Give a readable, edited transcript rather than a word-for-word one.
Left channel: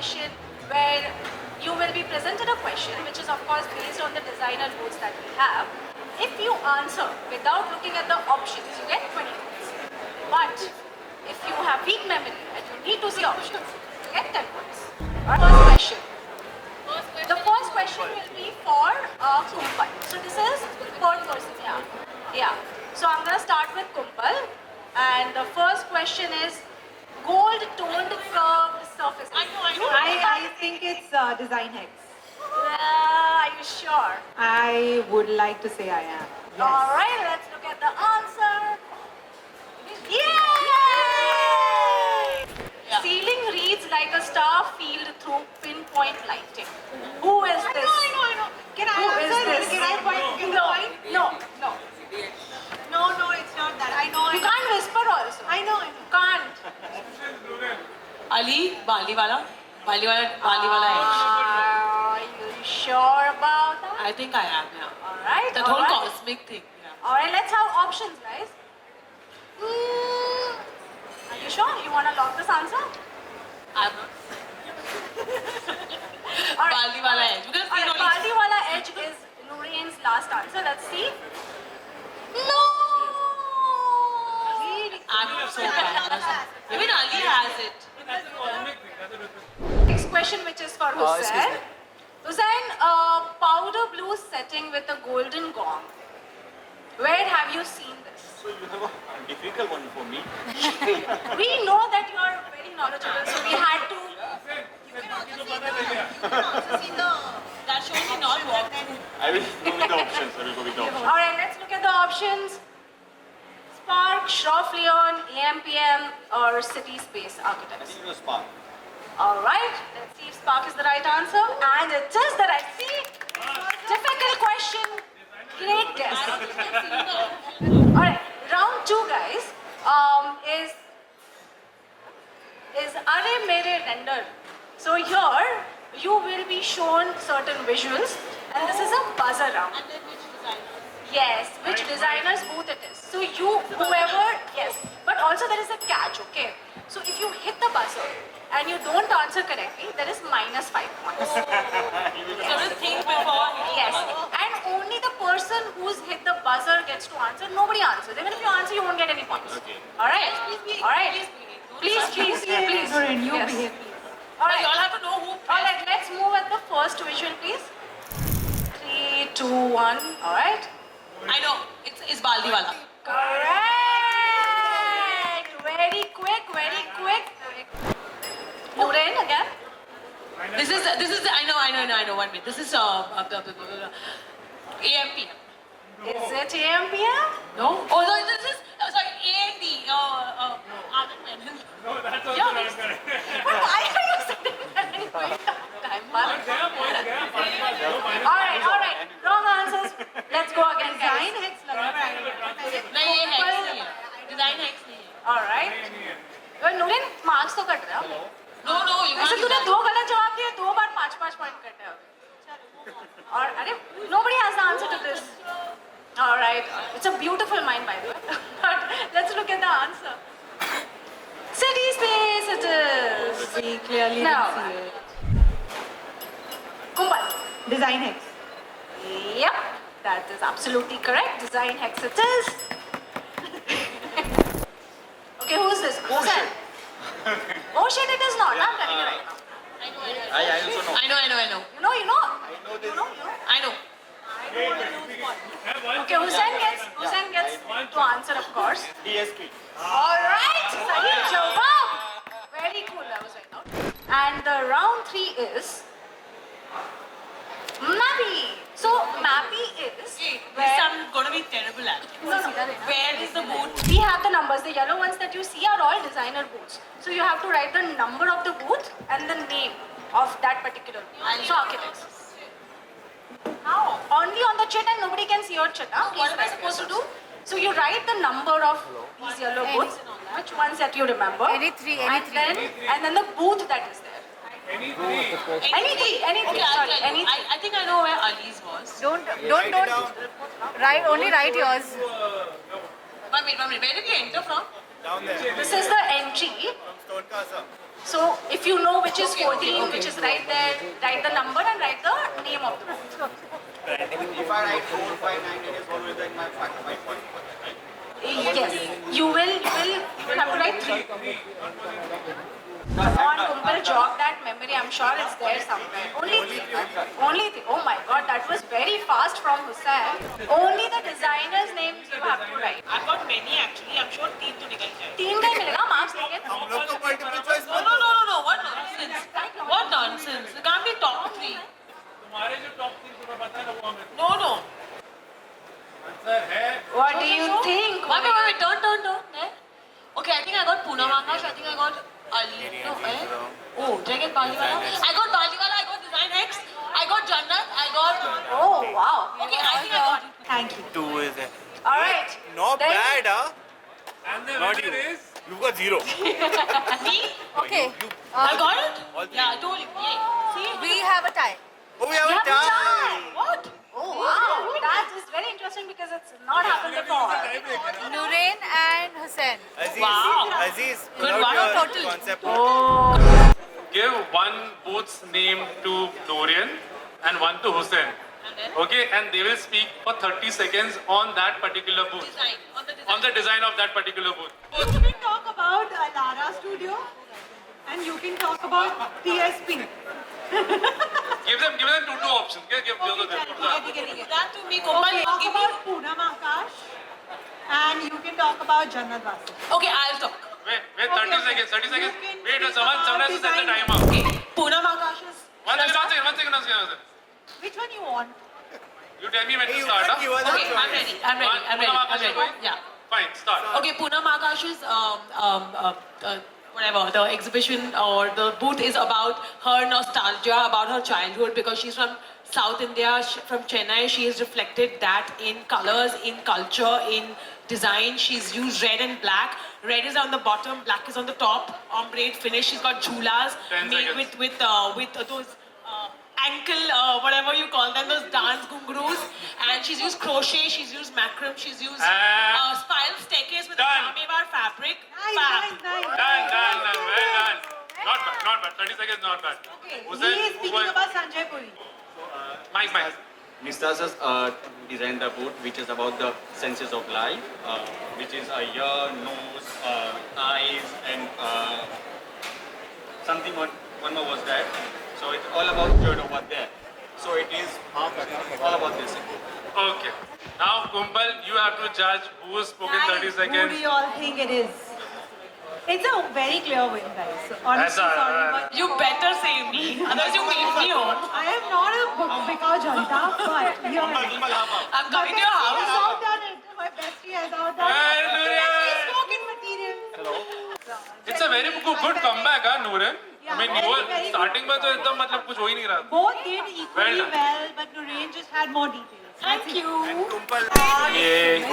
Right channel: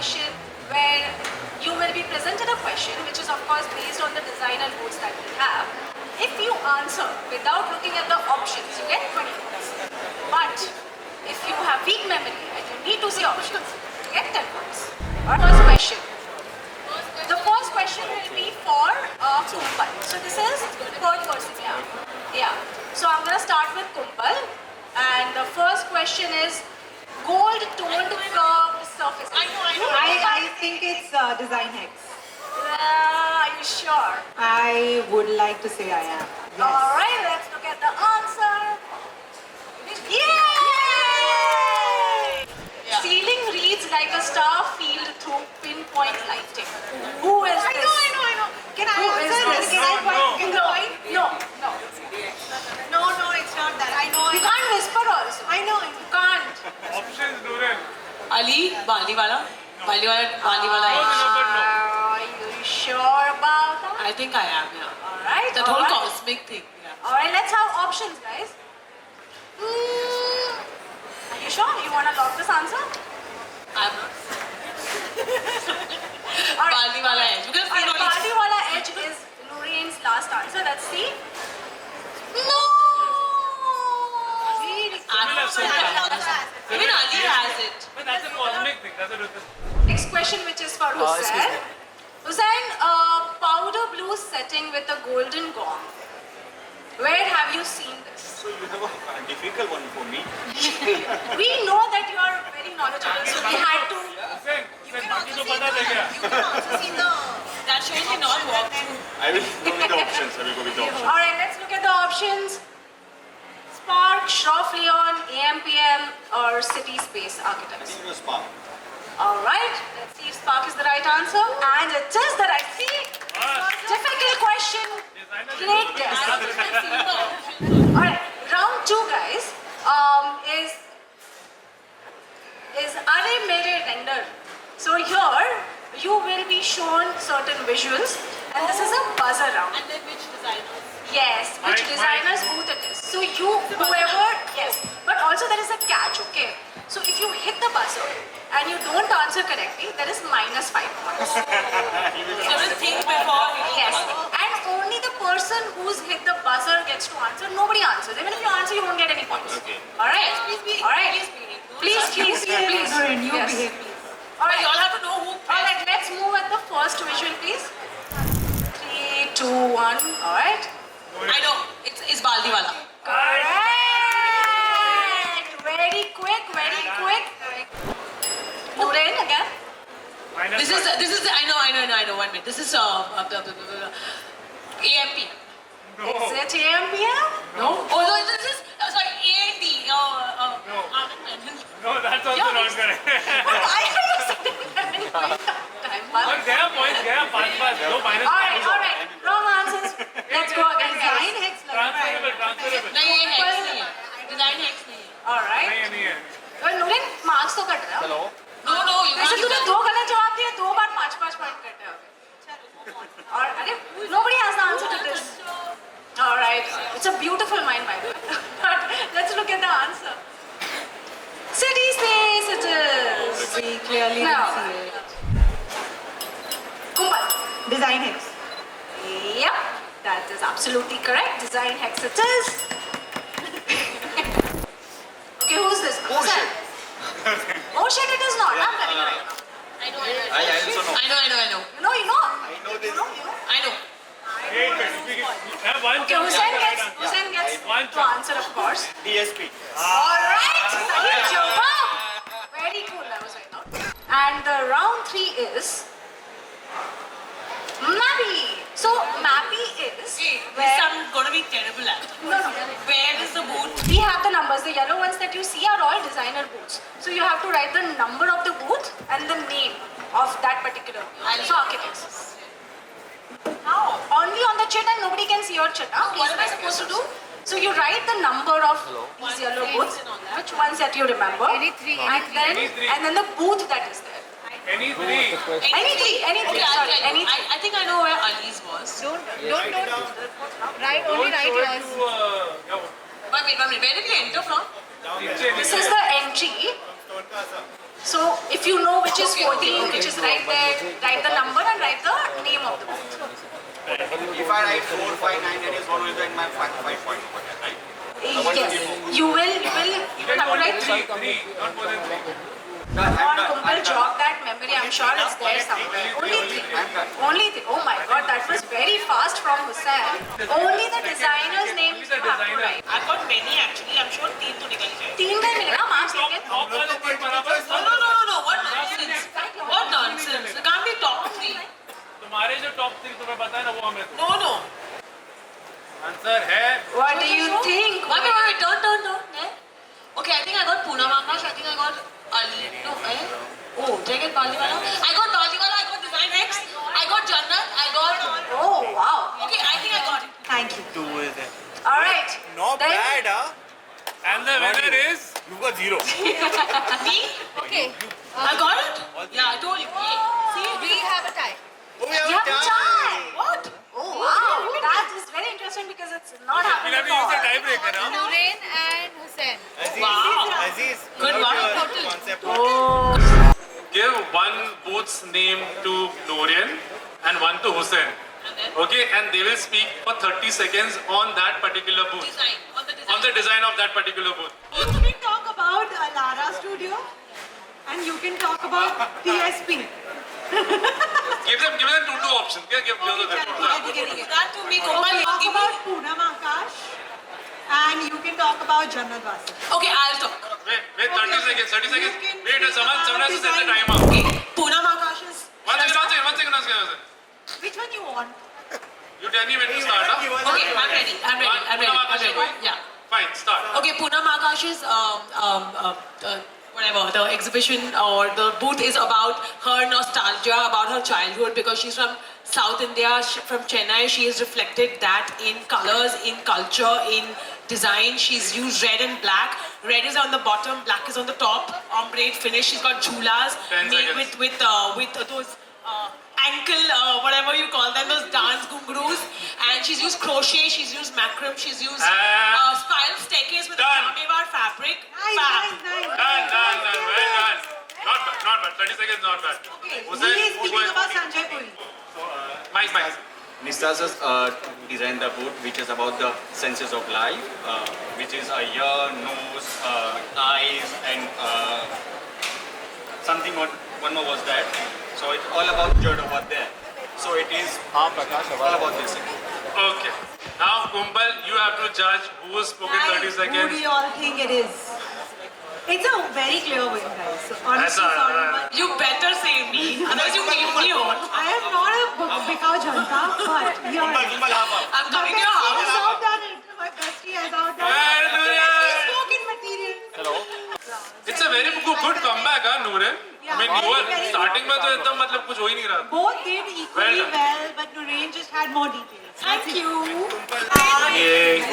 question where you will be presented a question which is of course based on the designer booths that we have. If you answer without looking at the options, you get 20 points. But if you have weak memory and you need to see options, you get 10 points. First question. The first question will be for Kumbal. So this is third person. Yeah. So I'm going to start with Kumbal. And the first question is gold toned curved surface. I think it's Design Hex. Are you sure? I would like to say I am. Yes. Alright, let's look at the answer. Yay! Yeah. Ceiling reads like a star field through pinpoint lighting. Who is this? I know. Can I Who is answer? this? Can I point? No. No, it's not that. I know. You can't whisper also. I know. You can't. Options, Nuran. Ali, Baliwala edge. Are you sure about that? I think I am, yeah. Alright. That whole cosmic thing, yeah. Alright, let's have options, guys. Are you sure? You want to lock this answer? I'm Alright. Baliwala edge. Because you know, Baliwala edge is Lorraine's last answer. Let's see. No! I'm so bad. Even Ali has it. But that's a cosmic thing. That's a Next question, which is for excuse Hussain. me. Hussain, powder blue setting with a golden gong. Where have you seen this? So you have a difficult one for me. We know that you are very knowledgeable, so we had to. बाकी तो पता था क्या? That shows you not walk. I will go with the options. I will go with the options. Alright, let's look at the options. Spark, Shroff Leon, AMPM, or City Space Architects. This is a spark. Alright, let's see if Spark is the right answer. And it is the right. See? Difficult question. Great guess. Alright, round 2, guys, is Are Mere Render. So here, you will be shown certain visuals, and this is a buzzer round. And then which designer? Yes, which designer's booth it is. So yes, but also there is a catch, okay? So if you hit the buzzer and you don't answer correctly, there is minus 5 points. So just think before hitting. Yes, and only the person who's hit the buzzer gets to answer. Nobody answers. Even if you answer, you won't get any points. Okay. Alright? Please Alright. Please. Nuran, you Yes. behave, please. But you Alright. all have to know who. Alright, let's move at the first visual, please. 3, 2, 1. Alright. I know. It's Baliwala. Correct! Very quick. Nuran again. This is I know. 1 minute. This is AMP. Is it AMPM? No. Oh no, this is sorry AMD. No, that's also Yeah, not correct. Why are you sitting there and going time? But gaya points, gaya pass. No minus. Alright. Wrong answers. Let's go again, Design guys. Hex. Transferable. नहीं ये hex नहीं है. Design hex नहीं है. Alright. नहीं है. तो नुरिन marks तो कट रहा है. No, you वैसे can't. तूने 2 गलत जवाब दिए, 2 बार 5 पॉइंट कटे हैं. और अरे nobody has the answer to this. Alright. It's a beautiful mind, by the way. But let's look at the answer. City Space it is. We clearly No. can see it. Kumbal. Design Hex. Yep, that is absolutely correct. Design Hex it is. Okay, who's this? Ocean. Ocean it is not. I'm telling you right now. I know. I also know. I know. You know. I know this. I know. Okay, Hussain gets to answer, of course. DSP. Alright, Sahi jawab. Very cool, that was right now. And the round 3 is Mappy. So Mappy is This I'm gonna be terrible at. no. Where is the booth? We have the numbers. The yellow ones that you see are all designer booths. So you have to write the number of the booth and the name of that particular booth. So architects. How? Only on the chit and nobody can see your chit. Huh? What am I supposed to do? So you write the number of these yellow booths, which ones that you remember, and then the booth that is there. Any three. Anything. Okay, Sorry, anything. I think I know where Ali's was. Don't write yours. One minute. Where did he enter from? This is the entry. So if you know which is 14, which is right there, write the number and write the name of the boot. If I write 4, 5, 9, that is what will be in my 5 point. Right? Yes, you will have to write 3. Come on, Kumbal, jog that memory. I'm sure it's there somewhere. Only 3. Oh my God, that was very fast from Hussain. Only the designer's names you have to write. I've got many actually. I'm sure 3 to निकल जाए. 3 में मिलेगा marks लेकिन. No. What nonsense? What nonsense? It can't be top 3. तुम्हारे जो top 3 तुम्हें पता है ना वो हमें No. आंसर है. What do you think? Wait. Turn. Okay, I think I got Poonam Akash. I think I got Oh, did I get Baliwala? I got Baliwala. I got Design X. I got Jannat. I got. Oh wow. Okay, I think I got it. Thank you. 2 is it? All right. Not Then- bad, huh? And the Not winner you. is You got 0. Me? Okay. I got it? Yeah, I told you. Yeah. See? We have a tie. Oh, we You have have a a tie. tie. What? Oh wow. That is very interesting because it's not happened we'll have to use the before. tiebreaker. Huh? Nurain and Hussain. Aziz, Wow. Aziz, Good without one. your Total. concept. Give one boot's name to Norian and one to Hussein. Okay, and they will speak for 30 seconds on that particular booth. Design. On the design of that particular booth. You can talk about Lara Studio and you can talk about TSP. Give them two options. Give them That to me, You Kumbal, can talk give me. about Poonam Akash and you can talk about Jannat Wasi. Okay, I'll talk. Wait, 30 seconds. 30 seconds. You can Wait, think someone about has to set the design. timer. Okay, Poonam Akash is. One second. Which one you want? You tell me when to start, huh? Okay, I'm ready. Yeah. Fine, start. Okay, Poonam Akash's whatever the exhibition or the booth is about her nostalgia, about her childhood because she's from South India, from Chennai. She has reflected that in colors, in culture, in design. She's used red and black. Red is on the bottom, black is on the top. Ombre finish. She's got chulas 10 made seconds. with those. Ankle, whatever you call them, those dance gungroos, and she's used crochet, she's used macram, she's used spiral staircase with Done. a Jamevar fabric. Nice. Done. Well done. Not bad. 30 seconds, not bad. Okay. Hussain, He is who speaking was- about Sanjay Puri. Mike. Nistas has designed the boot which is about the senses of life, which is a ear, nose, eyes, and something one more was that. So it's all about dirt over there. So it is all about this. Okay. Now, Kumbal, you have to judge who has spoken 30 Guys, who seconds. do you all think it is? It's a very clear win, guys. So honestly, That's all sorry, right. but You better say me, otherwise you make me on. I am not a Bikau Janta, but here I'm coming to your has house. outdone it. My bestie has outdone Well, it. Nurain. He's spoken material. It's a very good comeback, huh, Nurain? Yeah, I mean, very, you were very starting में तो एकदम मतलब कुछ हो ही नहीं रहा. Both did equally Well done. well, but Nurain just had more details. Thank you. Yay.